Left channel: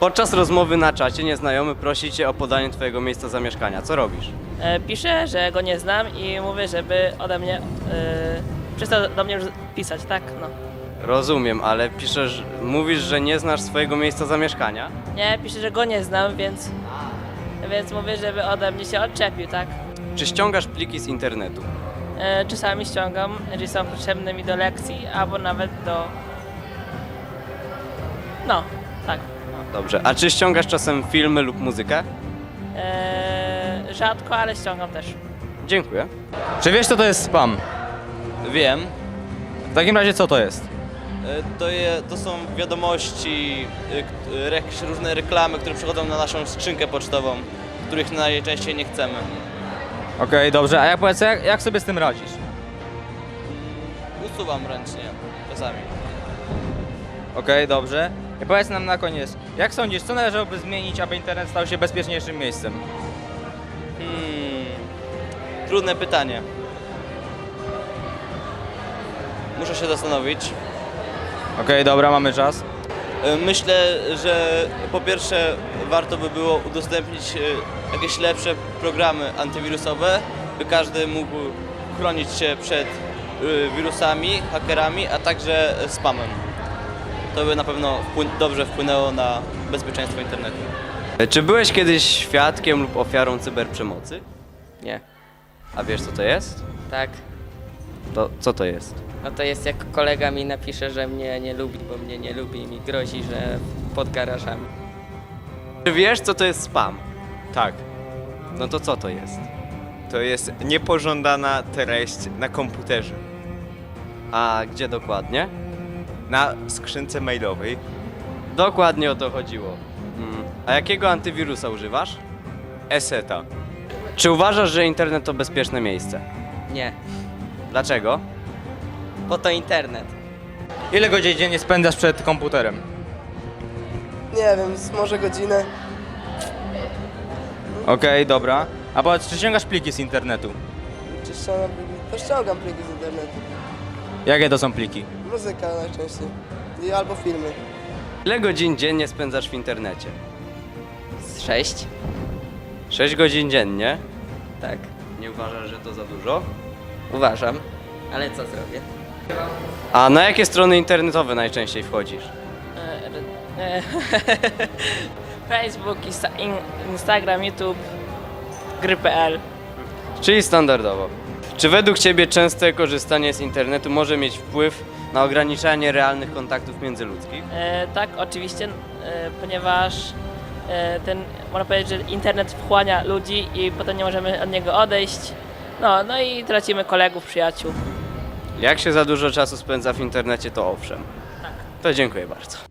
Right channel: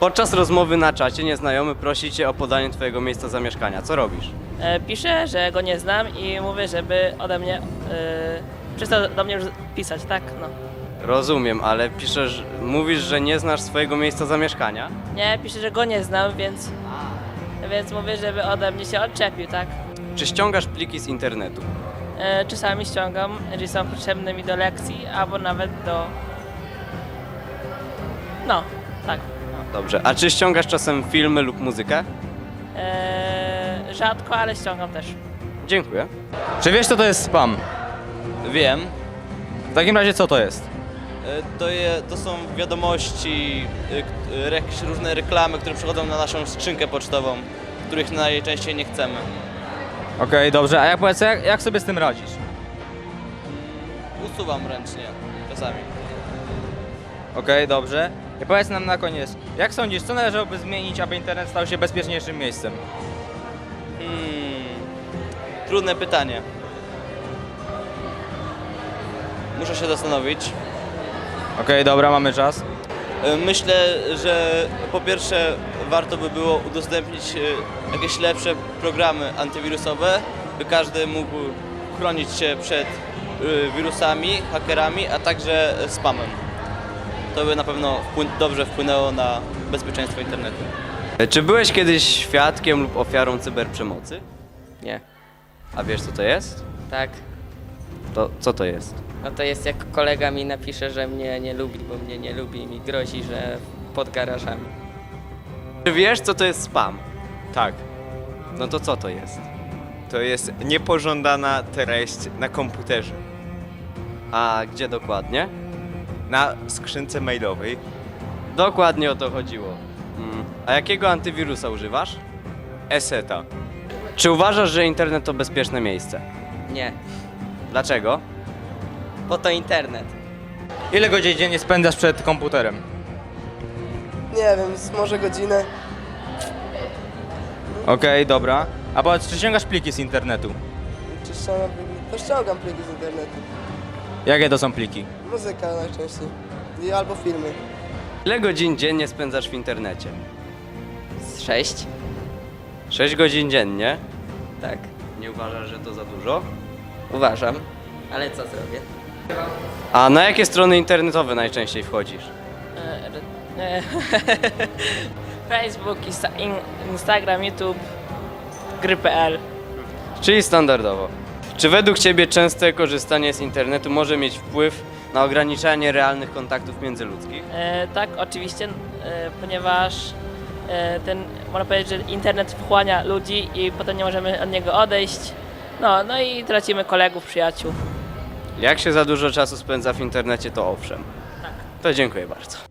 Podczas rozmowy na czacie nieznajomy prosi cię o podanie twojego miejsca zamieszkania. Co robisz? E, piszę, że go nie znam i mówię, żeby ode mnie e, przestał do mnie już pisać, tak? No. Rozumiem, ale piszesz, mówisz, że nie znasz swojego miejsca zamieszkania? Nie, piszę, że go nie znam, więc, więc mówię, żeby ode mnie się odczepił, tak? Czy ściągasz pliki z internetu? E, czasami ściągam, jeżeli są potrzebne mi do lekcji, albo nawet do... No, tak. Dobrze. A czy ściągasz czasem filmy lub muzykę? E, rzadko, ale ściągam też. Dziękuję. Czy wiesz, co to jest spam? Wiem. W takim razie, co to jest? E, To, je, to są wiadomości, k- e, rek, różne reklamy, które przychodzą na naszą skrzynkę pocztową, których najczęściej nie chcemy. Okej, dobrze. A jak powiedz, jak, jak sobie z tym radzisz? Usuwam ręcznie czasami. Okej, dobrze. I powiedz nam na koniec, jak sądzisz, co należałoby zmienić, aby internet stał się bezpieczniejszym miejscem? Hmm. Trudne pytanie. Muszę się zastanowić. Okej, dobra, mamy czas. E, Myślę, że po pierwsze warto by było udostępnić e, jakieś lepsze programy antywirusowe, by każdy mógł chronić się przed e, wirusami, hakerami, a także spamem. To by na pewno dobrze wpłynęło na bezpieczeństwo internetu. E, Czy byłeś kiedyś świadkiem lub ofiarą cyberprzemocy? Nie, A wiesz co to jest? tak. To co to jest? No to jest jak kolega mi napisze, że mnie nie lubi, bo mnie nie lubi i mi grozi, że pod garażami. Czy wiesz co to jest spam? Tak, No to co to jest? to jest niepożądana treść na komputerze, A gdzie dokładnie? Na skrzynce mailowej. Dokładnie o to chodziło. Mm. A jakiego antywirusa używasz? Eseta. Czy uważasz, że internet to bezpieczne miejsce? Nie, Dlaczego? bo to internet. Ile godzin dziennie spędzasz przed komputerem? Nie wiem, z może godzinę. Okej, dobra. A powiedz, czy ściągasz pliki z internetu? Czy ściągam pliki? To ściągam pliki z internetu. Jakie to są pliki? Muzyka najczęściej. I albo filmy. Ile godzin dziennie spędzasz w internecie? Z sześć? 6 godzin dziennie. Tak, Nie uważasz, że to za dużo? uważam. Ale co zrobię? A na jakie strony internetowe najczęściej wchodzisz? E, e, Facebook, Insta, in, Instagram, YouTube, gry.pl. Czyli standardowo. Czy według Ciebie częste korzystanie z internetu może mieć wpływ na ograniczanie realnych kontaktów międzyludzkich? E, tak, oczywiście, e, ponieważ e, ten, można powiedzieć, że internet wchłania ludzi i potem nie możemy od niego odejść. No, no i tracimy kolegów, przyjaciół. Jak się za dużo czasu spędza w internecie, to owszem. To dziękuję bardzo.